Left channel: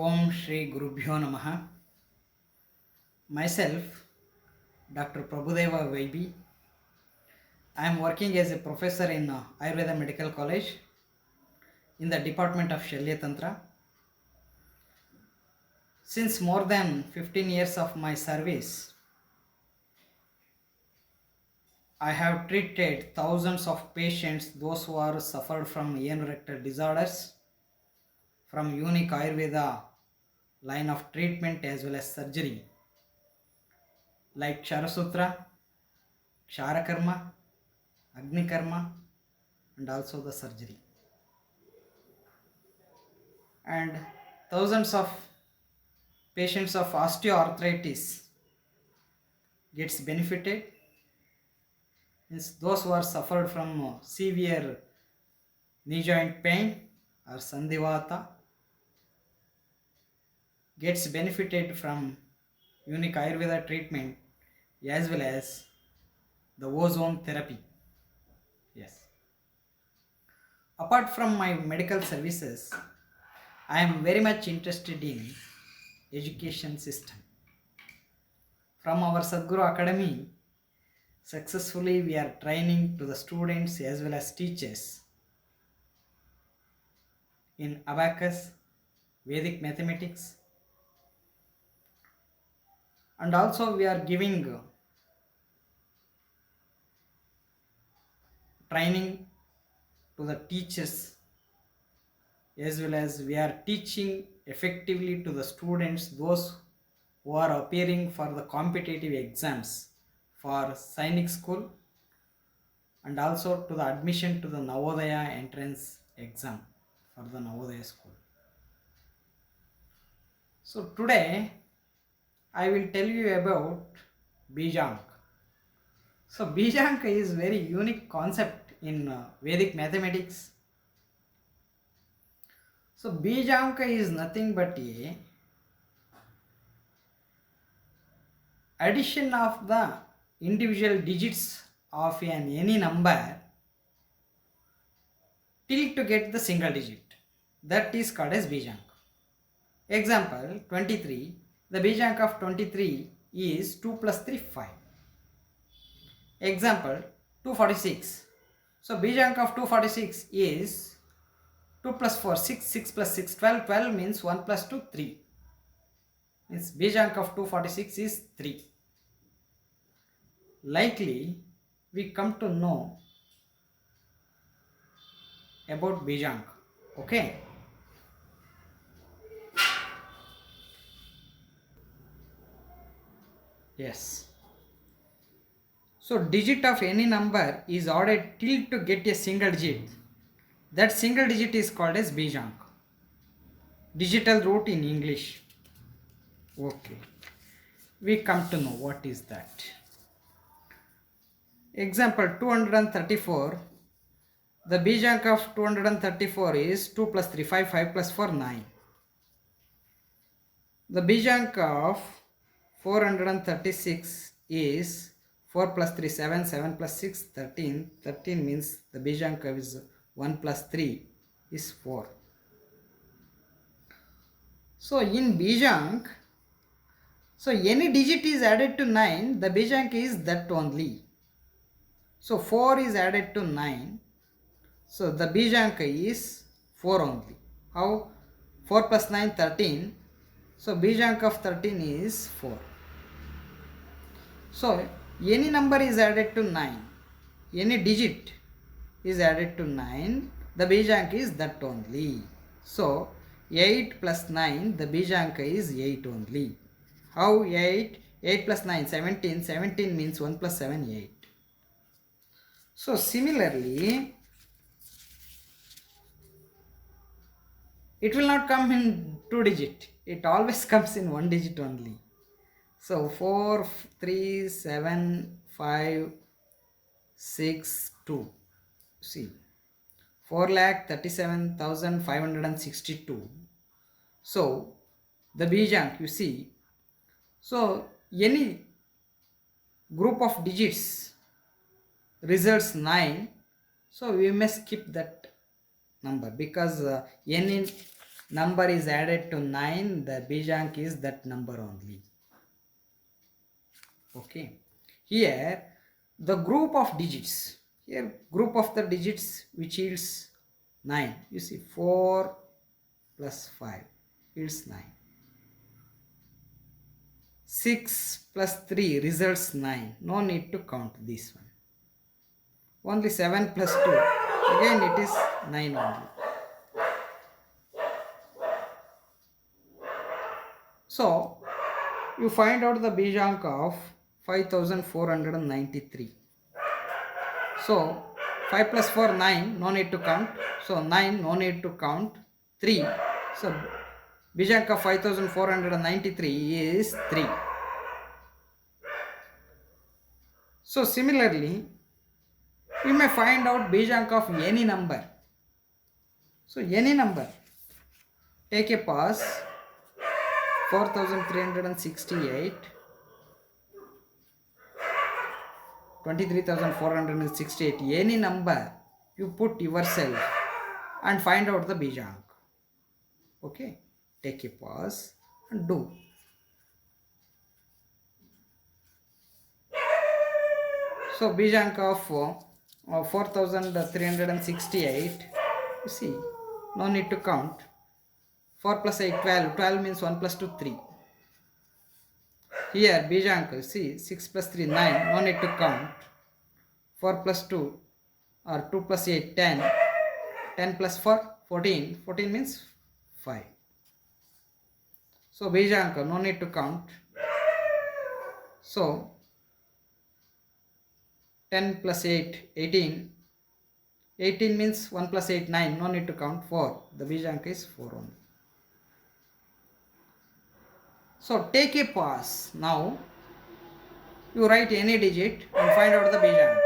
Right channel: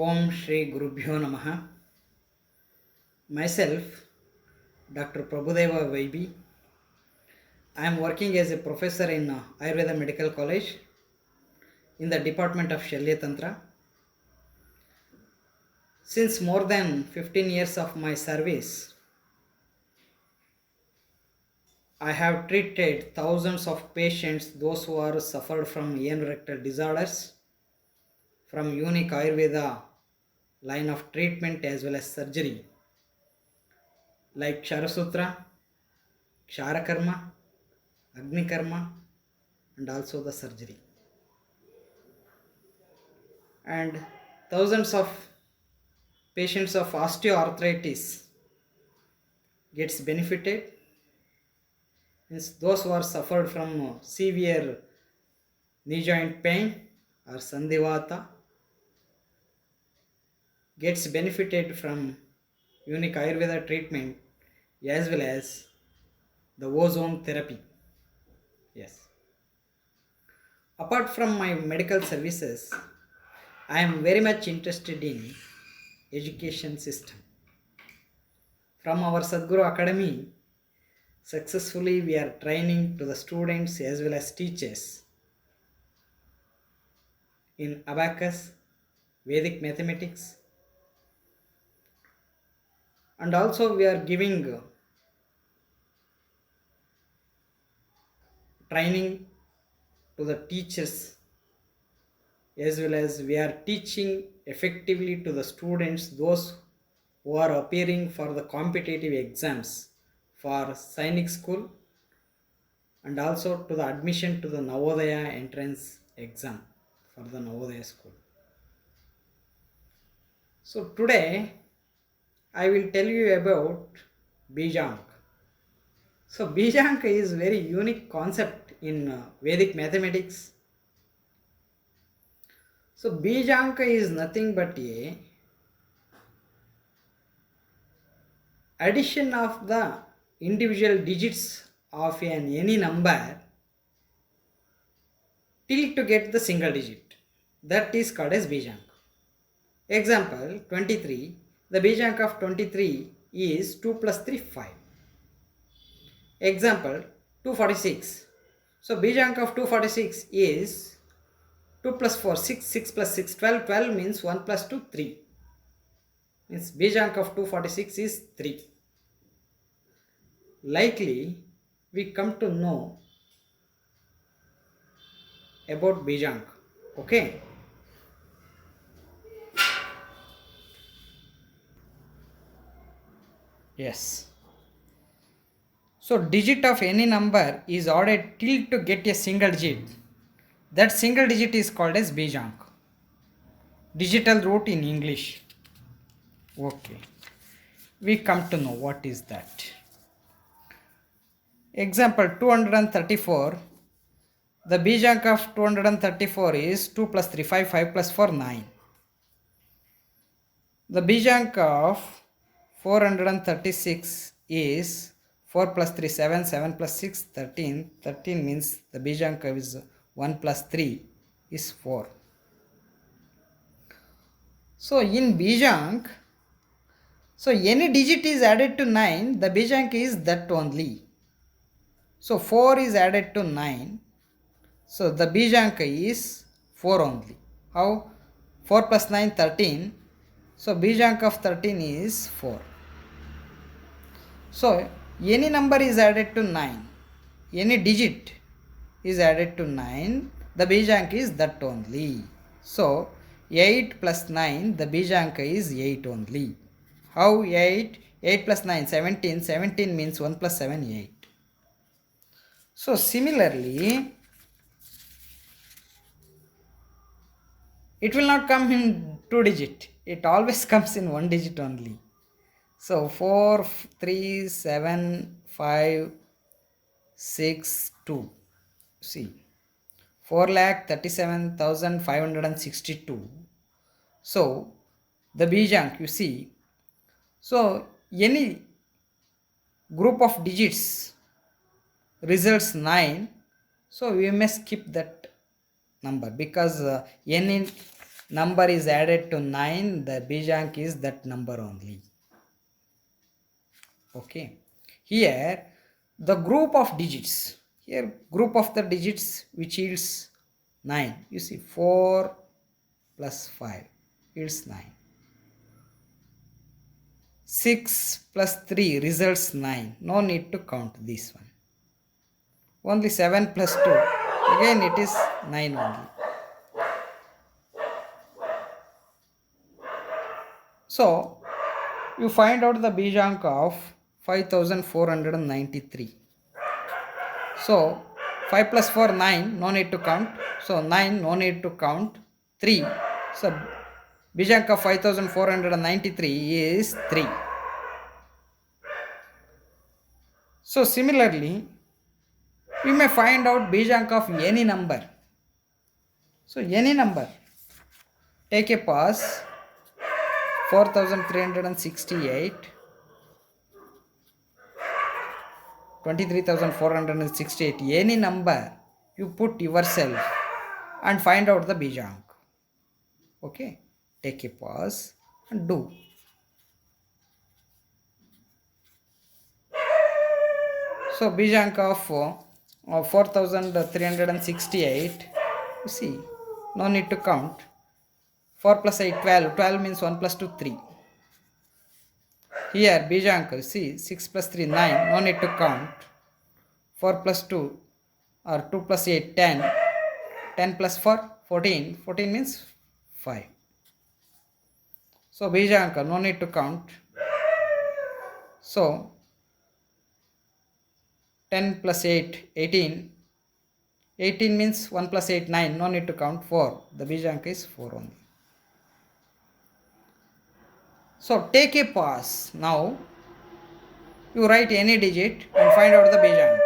Om Shri Gurubhyo Namaha. Myself, Dr. Prabhudeva Vaibi. I am working as a professor in Ayurveda Medical College in the Department of Shalya Tantra. Since more than 15 years of my service, I have treated thousands of patients, those who are suffered from anorectal disorders, from unique Ayurveda line of treatment as well as surgery, like Ksharasutra, Ksharakarma, Agnikarma, and also the surgery. And thousands of patients of osteoarthritis gets benefited. Means those who are suffered from severe knee joint pain or sandhivata gets benefited from unique Ayurveda treatment as well as the ozone therapy. Yes. Apart from my medical services, I am very much interested in education system. From our Sadguru Academy, successfully we are training to the students as well as teachers in abacus, Vedic mathematics, and also we are giving training to the teachers as well as we are teaching effectively to the students, those who are appearing for the competitive exams for Sainik school, and also to the admission to the Navodaya entrance exam for the Navodaya school. So today I will tell you about Bijank. So Bijank is very unique concept in Vedic mathematics. So Bijank is nothing but a addition of the individual digits of any number till to get the single digit. That is called as Bijank. Example 23. The Bijank of 23 is 2 plus 3, 5. Example 246. So Bijank of 246 is 2 plus 4, 6, 6 plus 6, 12. 12 means 1 plus 2, 3. Means Bijank of 246 is 3. Likely we come to know about Bijank. Okay. Yes. So digit of any number is added till to get a single digit. That single digit is called as Bijank. Digital root in English. Okay. We come to know what is that. Example 234. The Bijank of 234 is 2 plus 3, 5, 5 plus 4, 9. The Bijank of 436 is 4 plus 3, 7, 7 plus 6, 13. 13 means the Bijank is 1 plus 3 is 4. So in Bijank, so any digit is added to 9, the Bijank is that only. So 4 is added to 9. So the Bijank is 4 only. How? 4 plus 9, 13. So Bijank of 13 is 4. So any number is added to 9. Any digit is added to 9. The Bijank is that only. So 8 plus 9, the Bijank is 8 only. How 8? 8 plus 9, 17. 17 means 1 plus 7, 8. So similarly, it will not come in 2 digit. It always comes in 1 digit only. So 4, 3, 7, 5, 6, 2. See, 4,37,562. So the Bijank, you see. So any group of digits results 9. So we may skip that number because any number is added to 9, the Bijank is that number only. Okay. Here the group of digits, here group of the digits which yields 9. You see 4 plus 5 yields 9. 6 plus 3 results 9. No need to count this one. Only 7 plus 2. Again it is 9 only. So you find out the Bijank of 5493. So 5 plus 4 9, no need to count. So 9, no need to count. 3. So Bijank of 5493 is 3. So similarly, we may find out Bijank of any number. So any number. Take a pause. 4368, 23,468, any number you put yourself and find out the Bijank. Okay, take a pause and do. So Bijank of 4368, you see, no need to count. 4 plus 8, 12. 12 means 1 plus 2, 3. Here, Bijank, see, 6 plus 3, 9. No need to count. 4 plus 2 or 2 plus 8, 10. 10 plus 4, 14. 14 means 5. So, Bijank, no need to count. So, 10 plus 8, 18. 18 means 1 plus 8, 9. No need to count. 4. The Bijank is 4 only. So take a pause. Now you write any digit and find out the Bijank.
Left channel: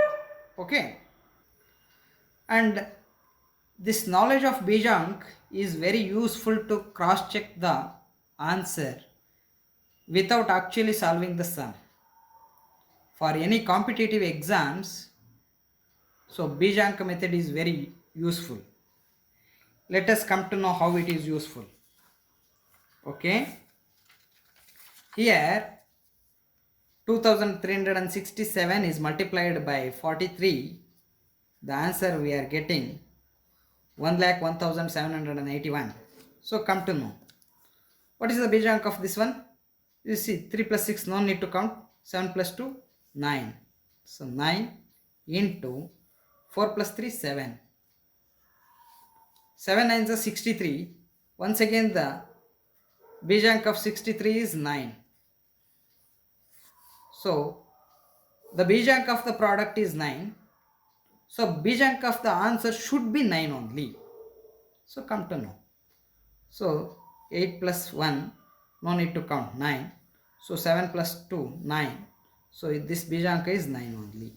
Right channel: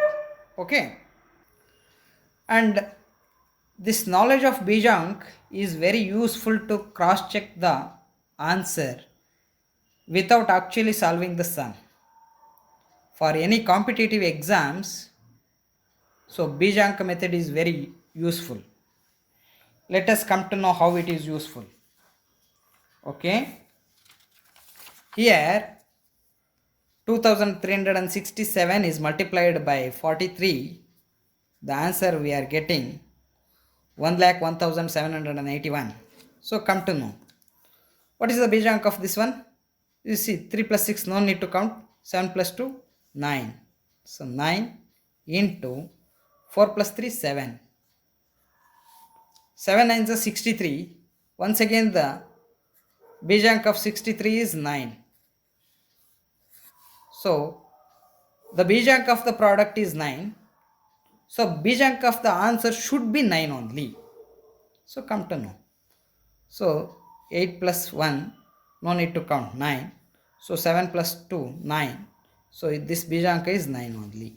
Okay. And this knowledge of Bijank is very useful to cross check the answer without actually solving the sum. For any competitive exams, so Bijank method is very useful. Let us come to know how it is useful. Okay. Here 2367 is multiplied by 43. The answer we are getting 1,01,781. So come to know. What is the Bijank of this one? You see 3 plus 6, no need to count. 7 plus 2, 9. So 9 into 4 plus 3, 7. 7 9s are 63. Once again the Bijank of 63 is 9. So the Bijank of the product is 9. So Bijank of the answer should be 9 only. So come to know. So 8 plus 1, no need to count, 9. So 7 plus 2, 9. So this Bijank is 9 only.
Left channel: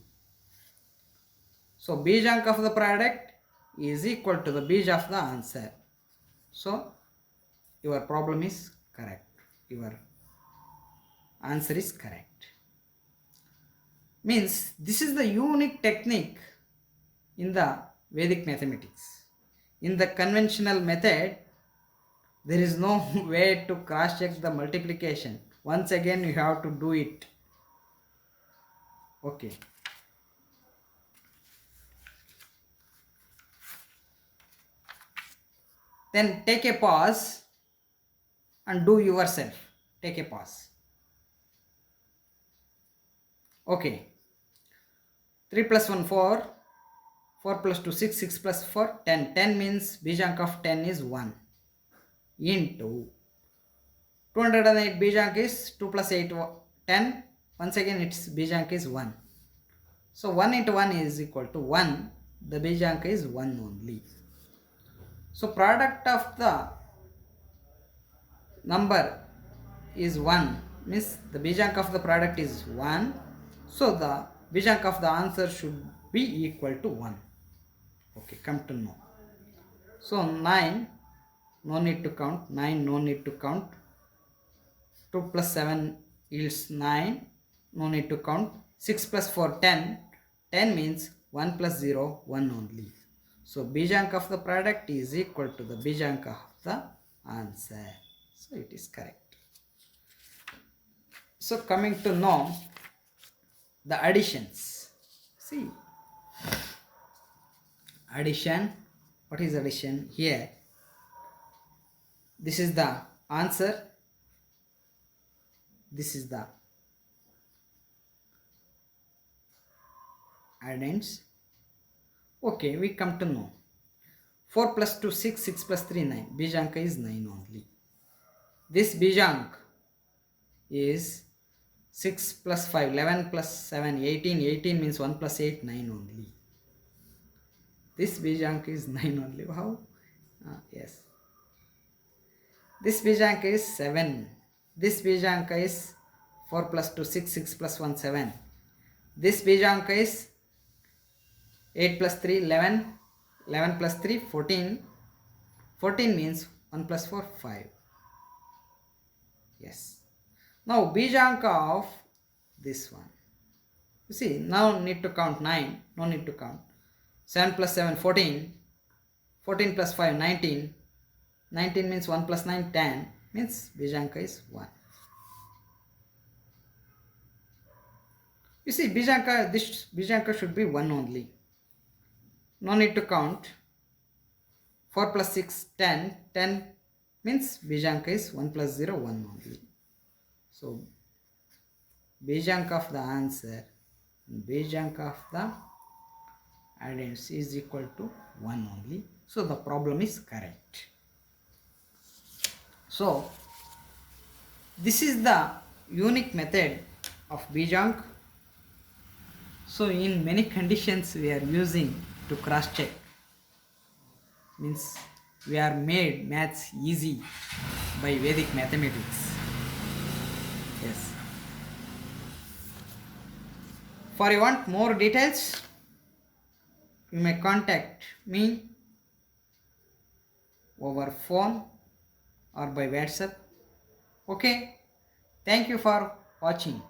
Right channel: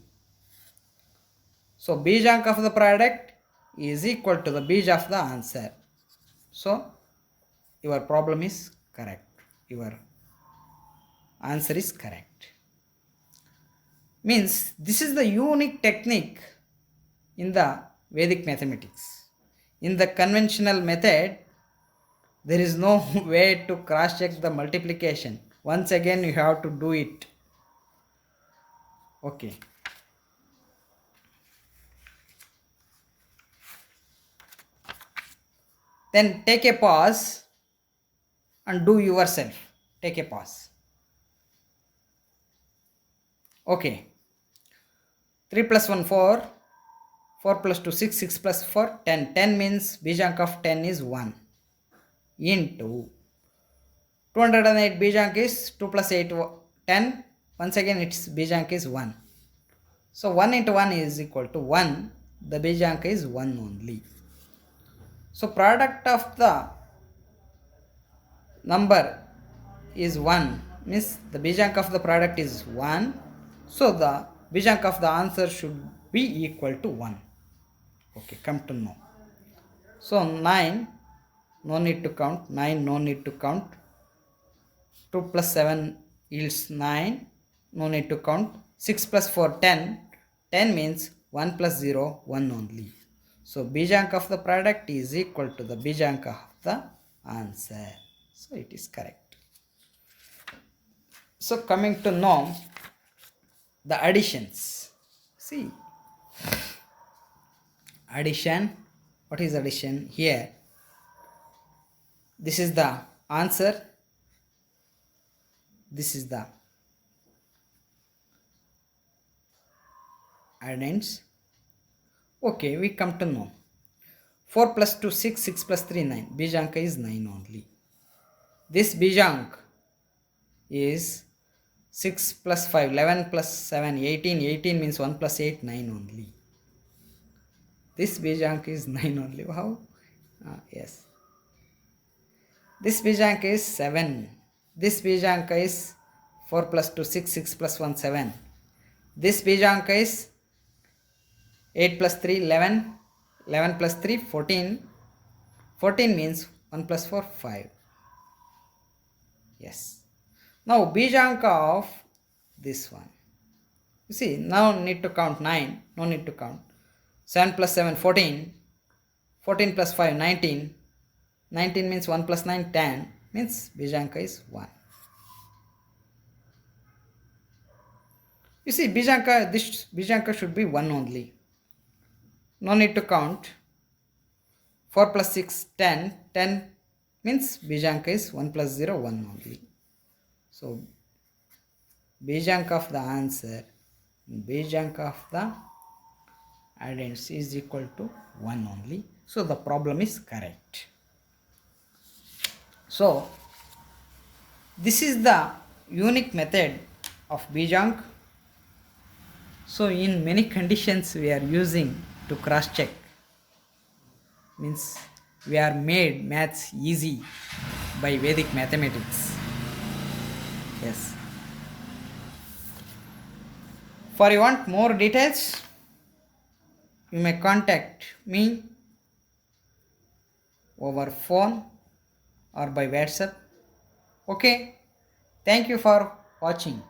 So Bijank of the product is equal to the Bij of the answer. So your problem is correct. Your answer is correct. Means this is the unique technique in the Vedic mathematics. In the conventional method, there is no way to cross check the multiplication. Once again you have to do it. Okay. Then take a pause and do yourself. Take a pause. Okay. 3 plus 1, 4. 4 plus 2, 6. 6 plus 4, 10. 10 means Bijank of 10 is 1. Into 208 Bijank is 2 plus 8, 10. Once again its Bijank is 1. So 1 into 1 is equal to 1. The Bijank is 1 only. So product of the number is 1. Means the Bijank of the product is 1. So the Bijank of the answer should be equal to 1. Okay, come to know. So 9, no need to count. 9, no need to count. 2 plus 7 yields 9. No need to count. 6 plus 4, 10. 10 means 1 plus 0, 1 only. So Bijank of the product is equal to the Bijank of the answer. So it is correct. So coming to know the additions. See, addition. What is addition? Here, this is the answer. This is the addends. Okay, we come to know. 4 plus 2, 6, 6 plus 3, 9. Bijanka is 9 only. This Bijank is 6 plus 5, 11 plus 7, 18. 18 means 1 plus 8, 9 only. This Bijank is 9 only. How? Yes. This Bijank is 7. This Bijank is 4 plus 2, 6, 6 plus 1, 7. This Bijank is 8 plus 3, 11. 11 plus 3, 14. 14 means 1 plus 4, 5. Yes. Now Bijank of this one. You see, now need to count 9. No need to count. 7 plus 7, 14. 14 plus 5, 19. 19 means 1 plus 9, 10. Means Bijanka is 1. You see, Bijanka, this Bijanka should be 1 only. No need to count. 4 plus 6, 10. 10 means Bijanka is 1 plus 0, 1 only. So, Bijanka of the answer, Bijanka of the addends is equal to 1 only. So, the problem is correct. So, this is the unique method of Bijank. So, in many conditions we are using to cross check. Means we are made maths easy by Vedic mathematics. Yes. For you want more details, you may contact me over phone or by WhatsApp. Okay. Thank you for watching.